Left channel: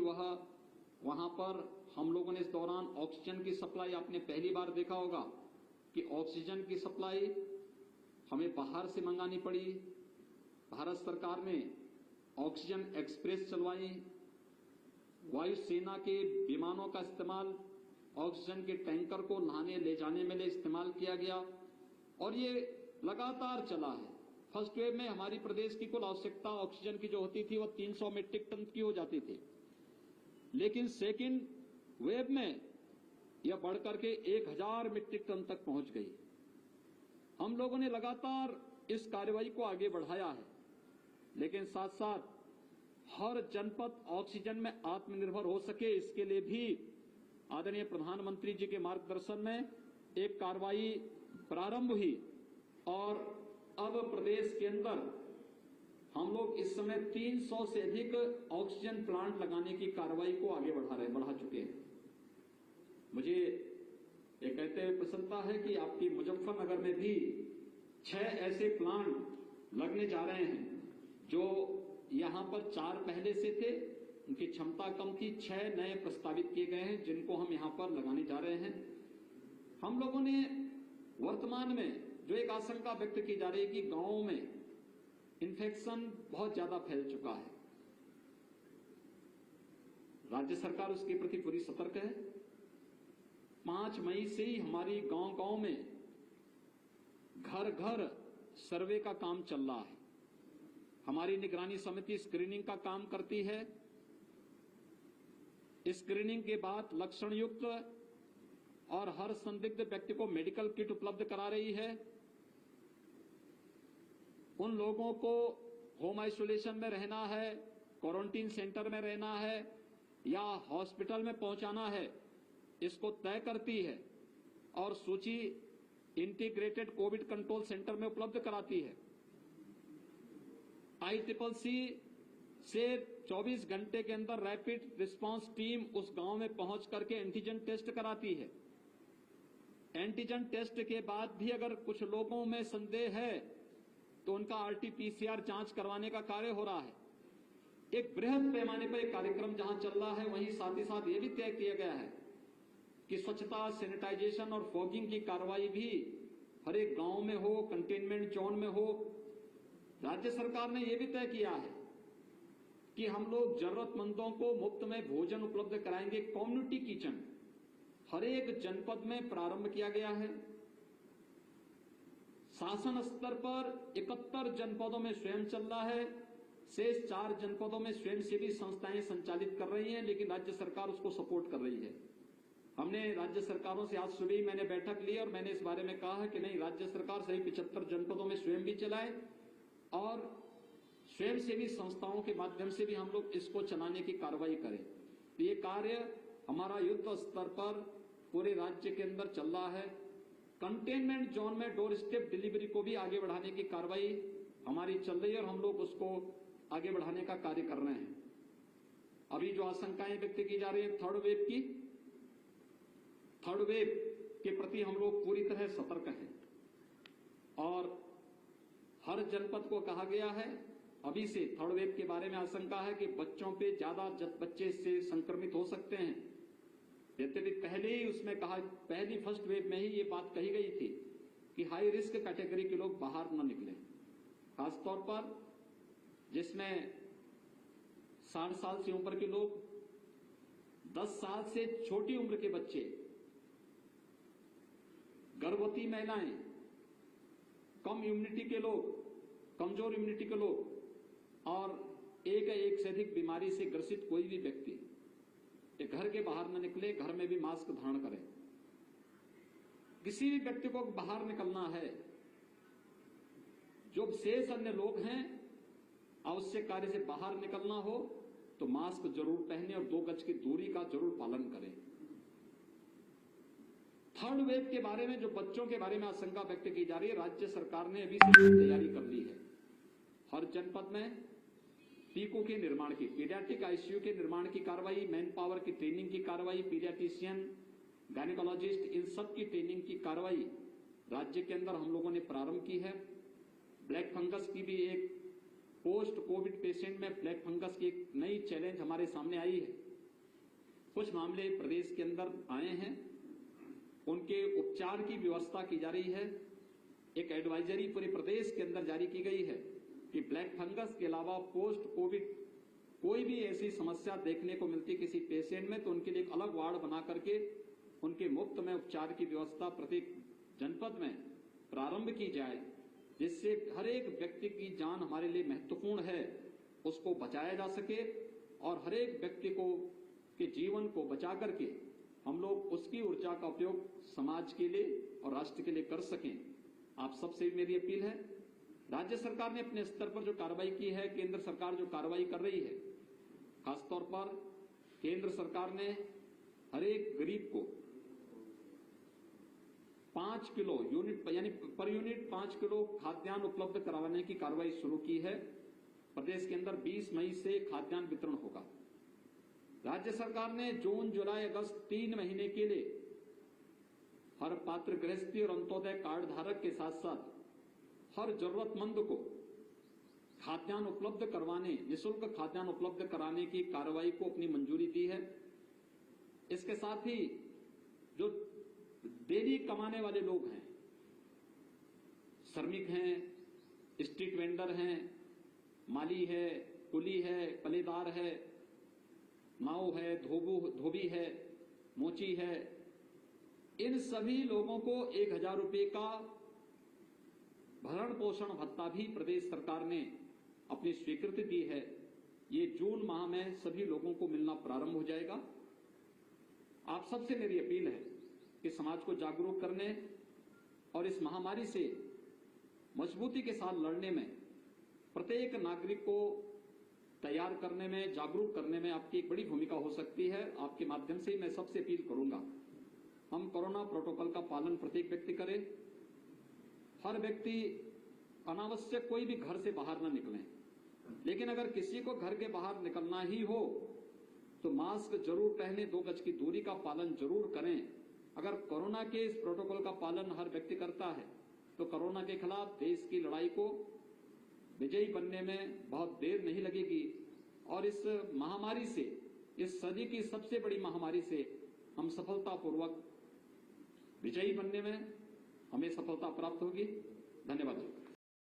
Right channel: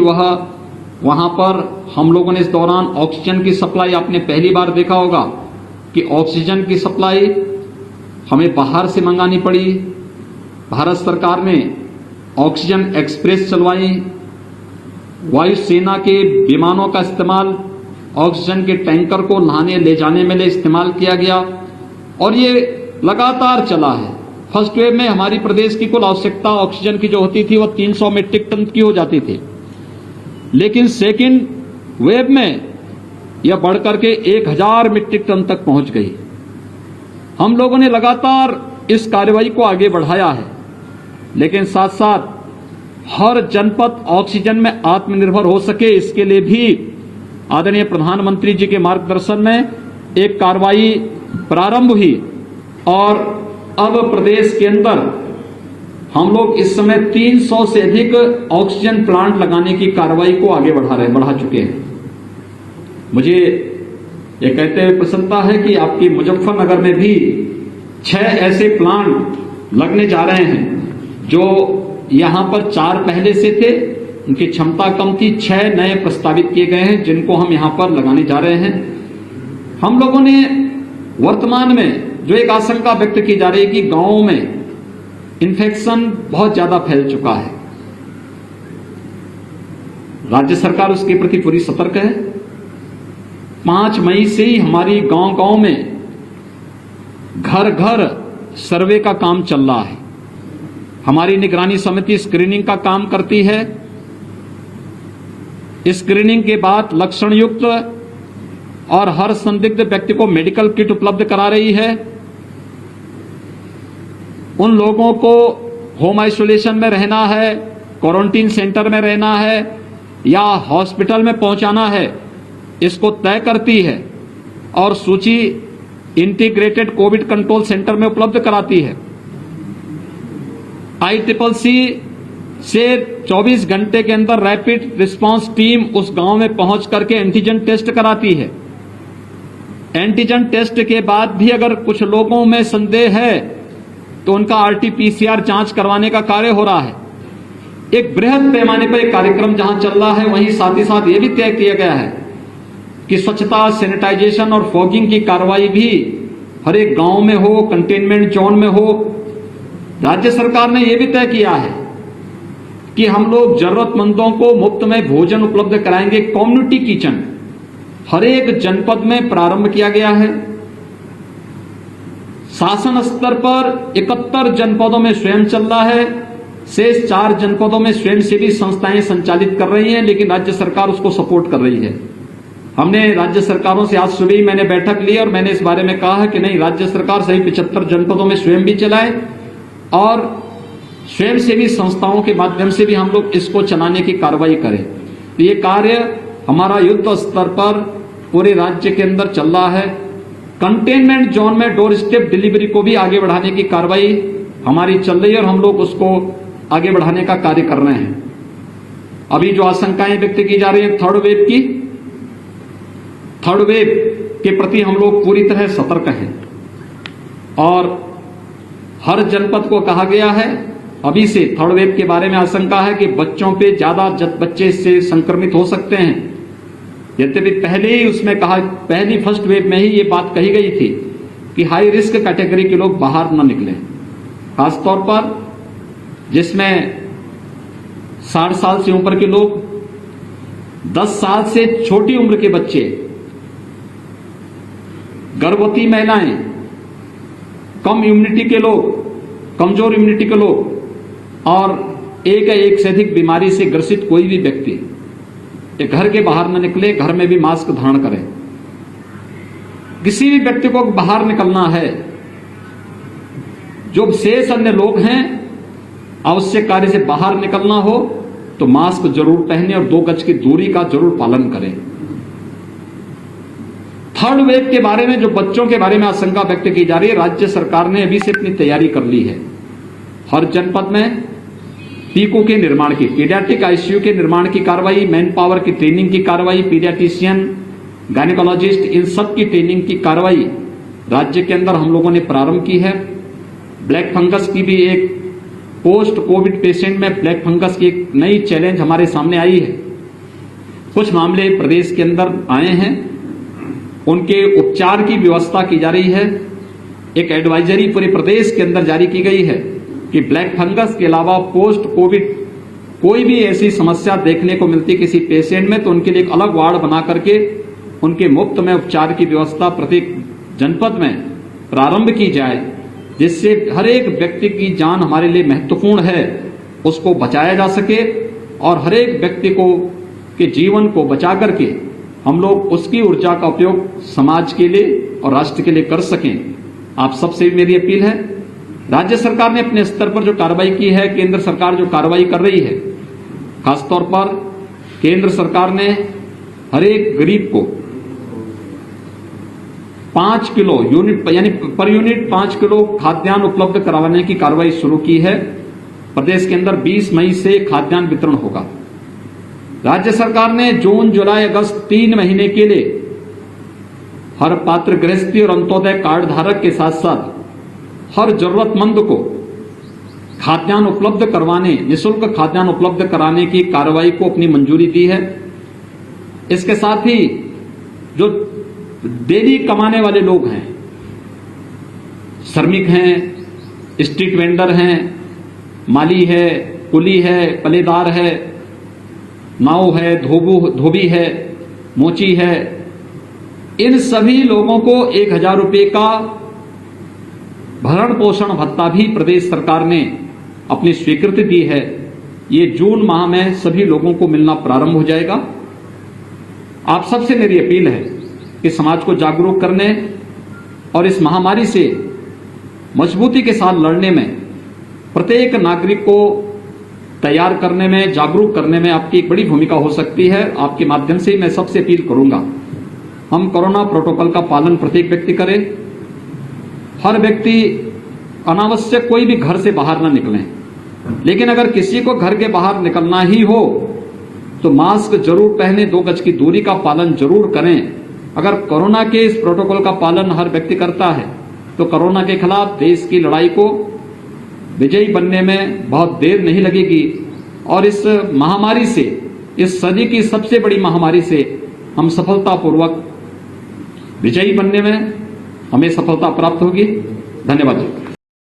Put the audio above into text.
वह वहां पर हम लोगों ने इस दौरान ऑक्सीजन की सप्लाई, आपने पहली बार देखा होगा कि ऑक्सीजन की सप्लाई हमें बाहर से मंगानी पड़ी। भारत सरकार ने ऑक्सीजन एक्सप्रेस चलवाई, वायुसेना के विमानों का इस्तेमाल ऑक्सीजन के टैंकर को लाने ले जाने में इस्तेमाल किया गया और ये लगातार चला है। फर्स्ट वेव में हमारी प्रदेश की कुल आवश्यकता ऑक्सीजन की जो होती थी वो 300 मीट्रिक टन की हो जाती थी, लेकिन सेकेंड वेव में यह बढ़कर के 1000 मीट्रिक टन तक पहुंच गई। हम लोगों ने लगातार इस कार्रवाई को आगे बढ़ाया है, लेकिन साथ साथ हर जनपद ऑक्सीजन में आत्मनिर्भर हो सके, इसके लिए भी आदरणीय प्रधानमंत्री जी के मार्गदर्शन में एक कार्रवाई प्रारंभ हुई और अब प्रदेश के अंदर हम लोग इस समय 300 से अधिक ऑक्सीजन प्लांट लगाने की कार्रवाई को आगे बढ़ा चुके हैं। मुझे ये कहते हुए प्रसन्नता है कि आपकी मुजफ्फरनगर में भी 6 ऐसे प्लांट लगने जा रहे हैं जो यहां पर 4 पहले से थे, उनकी क्षमता कम थी, 6 नए प्रस्तावित किए गए हैं जिनको हम यहां पर लगाने जा रहे हैं। हम लोगों ने वर्तमान में जो एक आशंका व्यक्त की जा रही है कि गांवों में इन्फेक्शन बहुत ज्यादा फैल चुका है, राज्य सरकार उसके प्रति पूरी सतर्क है। 5 मई से ही हमारी गांव-गांव में घर-घर सर्वे का काम चल रहा है। हमारी निगरानी समिति स्क्रीनिंग का काम करती है। स्क्रीनिंग के बाद लक्षण युक्त और हर संदिग्ध व्यक्ति को मेडिकल किट उपलब्ध करा रही है। उन लोगों को होम आइसोलेशन में रहना है, क्वारंटीन सेंटर में रहना है या हॉस्पिटल में पहुंचाना है, इसको तय करती है और सूची इंटीग्रेटेड कोविड कंट्रोल सेंटर में उपलब्ध कराती है। ICCC से 24 घंटे के अंदर रैपिड रिस्पांस टीम उस गांव में पहुंच करके एंटीजन टेस्ट कराती है। एंटीजन टेस्ट के बाद भी अगर कुछ लोगों में संदेह है तो उनका RT-PCR जांच करवाने का कार्य हो रहा है। एक बृहद पैमाने पर एक कार्यक्रम जहां चल रहा है, वहीं साथ ही साथ यह भी तय किया गया है कि स्वच्छता, सैनिटाइजेशन और फॉगिंग की कार्रवाई भी हर एक गांव में हो, कंटेनमेंट जोन में हो। राज्य सरकार ने यह भी तय किया है कि हम लोग जरूरतमंदों को मुफ्त में भोजन उपलब्ध कराएंगे। कम्युनिटी किचन हर एक जनपद में प्रारंभ किया गया है। शासन स्तर पर 71 जनपदों में स्वयं चल रहा है, शेष 4 जनपदों में स्वयंसेवी संस्थाएं संचालित कर रही हैं, लेकिन राज्य सरकार उसको सपोर्ट कर रही है। हमने राज्य सरकारों से आज सुबह ही मैंने बैठक ली और मैंने इस बारे में कहा है कि नहीं, राज्य सरकार सही 75 जनपदों में स्वयं भी चलाए और स्वयंसेवी संस्थाओं के माध्यम से भी हम लोग इसको चलाने की कार्रवाई करें। तो ये कार्य हमारा युद्ध स्तर पर पूरे राज्य के अंदर चल रहा है। कंटेनमेंट जोन में डोर स्टेप डिलीवरी को भी आगे बढ़ाने की कार्रवाई हमारी चल रही है और हम लोग उसको आगे बढ़ाने का कार्य कर रहे हैं। अभी जो आशंकाएं व्यक्त की जा रही है थर्ड वेव के प्रति हम लोग पूरी तरह सतर्क हैं और हर जनपद को कहा गया है, अभी से थर्ड वेव के बारे में आशंका है कि बच्चों पे ज्यादा बच्चे इससे संक्रमित हो सकते हैं। यद्यपि पहले ही उसमें कहा, पहली फर्स्ट वेव में ही ये बात कही गई थी कि हाई रिस्क कैटेगरी के लोग बाहर न निकलें, खासतौर पर जिसमें 60 साल से ऊपर के लोग, 10 साल से छोटी उम्र के बच्चे, गर्भवती महिलाएं, कम इम्यूनिटी के लोग, कमजोर इम्यूनिटी के लोग और एक या एक से अधिक बीमारी से ग्रसित कोई भी व्यक्ति ये घर के बाहर न निकले, घर में भी मास्क धारण करें। किसी भी व्यक्ति को बाहर निकलना है, जो शेष अन्य लोग हैं, आवश्यक कार्य से बाहर निकलना हो तो मास्क जरूर पहने और 2 गज की दूरी का जरूर पालन करें। थर्ड वेव के बारे में जो बच्चों के बारे में आशंका व्यक्त की जा रही है, राज्य सरकार ने अभी से अपनी तैयारी कर ली है। हर जनपद में पीको के निर्माण की, पीडियाट्रिक ICU के निर्माण की कार्रवाई, मैन पावर की ट्रेनिंग की कार्रवाई, पीडियाट्रिशियन, गायनेकोलॉजिस्ट, इन सब की ट्रेनिंग की कार्रवाई राज्य के अंदर हम लोगों ने प्रारंभ की है। ब्लैक फंगस की भी एक पोस्ट कोविड पेशेंट में ब्लैक फंगस की एक नई चैलेंज हमारे सामने आई है। कुछ मामले प्रदेश के अंदर आए हैं, उनके उपचार की व्यवस्था की जा रही है। एक एडवाइजरी पूरे प्रदेश के अंदर जारी की गई है कि ब्लैक फंगस के अलावा पोस्ट कोविड कोई भी ऐसी समस्या देखने को मिलती किसी पेशेंट में तो उनके लिए एक अलग वार्ड बना करके उनके मुफ्त में उपचार की व्यवस्था प्रत्येक जनपद में प्रारंभ की जाए, जिससे हर एक व्यक्ति की जान हमारे लिए महत्वपूर्ण है, उसको बचाया जा सके और हर एक व्यक्ति को के जीवन को बचा करके हम लोग उसकी ऊर्जा का उपयोग समाज के लिए और राष्ट्र के लिए कर सकें। आप सबसे मेरी अपील है, राज्य सरकार ने अपने स्तर पर जो कार्रवाई की है, केंद्र सरकार जो कार्रवाई कर रही है, खासतौर पर केंद्र सरकार ने हर एक गरीब को 5 किलो यूनिट यानी पर यूनिट 5 किलो खाद्यान्न उपलब्ध करवाने की कार्रवाई शुरू की है। प्रदेश के अंदर 20 मई से खाद्यान्न वितरण होगा। राज्य सरकार ने जून, जुलाई, अगस्त 3 महीने के लिए हर पात्र गृहस्थी और अंत्योदय कार्ड धारक के साथ साथ हर जरूरतमंद को खाद्यान्न उपलब्ध करवाने, निःशुल्क खाद्यान्न उपलब्ध कराने की कार्रवाई को अपनी मंजूरी दी है। इसके साथ ही जो डेली कमाने वाले लोग हैं, श्रमिक हैं, स्ट्रीट वेंडर हैं, माली है, कुली है, पलेदार है, नाव है, धोबी है, मोची है, इन सभी लोगों को 1000 रुपए का भरण पोषण भत्ता भी प्रदेश सरकार ने अपनी स्वीकृति दी है। ये जून माह में सभी लोगों को मिलना प्रारंभ हो जाएगा। आप सबसे मेरी अपील है कि समाज को जागरूक करने और इस महामारी से मजबूती के साथ लड़ने में, प्रत्येक नागरिक को तैयार करने में, जागरूक करने में आपकी एक बड़ी भूमिका हो सकती है। आपके माध्यम से मैं सबसे अपील करूंगा, हम कोरोना प्रोटोकॉल का पालन प्रत्येक व्यक्ति करे। हर व्यक्ति अनावश्यक कोई भी घर से बाहर ना निकलें, लेकिन अगर किसी को घर के बाहर निकलना ही हो तो मास्क जरूर पहने, 2 गज की दूरी का पालन जरूर करें। अगर कोरोना के इस प्रोटोकॉल का पालन हर व्यक्ति करता है तो कोरोना के खिलाफ देश की लड़ाई को विजयी बनने में बहुत देर नहीं लगेगी और इस महामारी से, इस सदी की सबसे बड़ी महामारी से हम सफलतापूर्वक विजयी बनने में हमें सफलता प्राप्त होगी। धन्यवाद जी।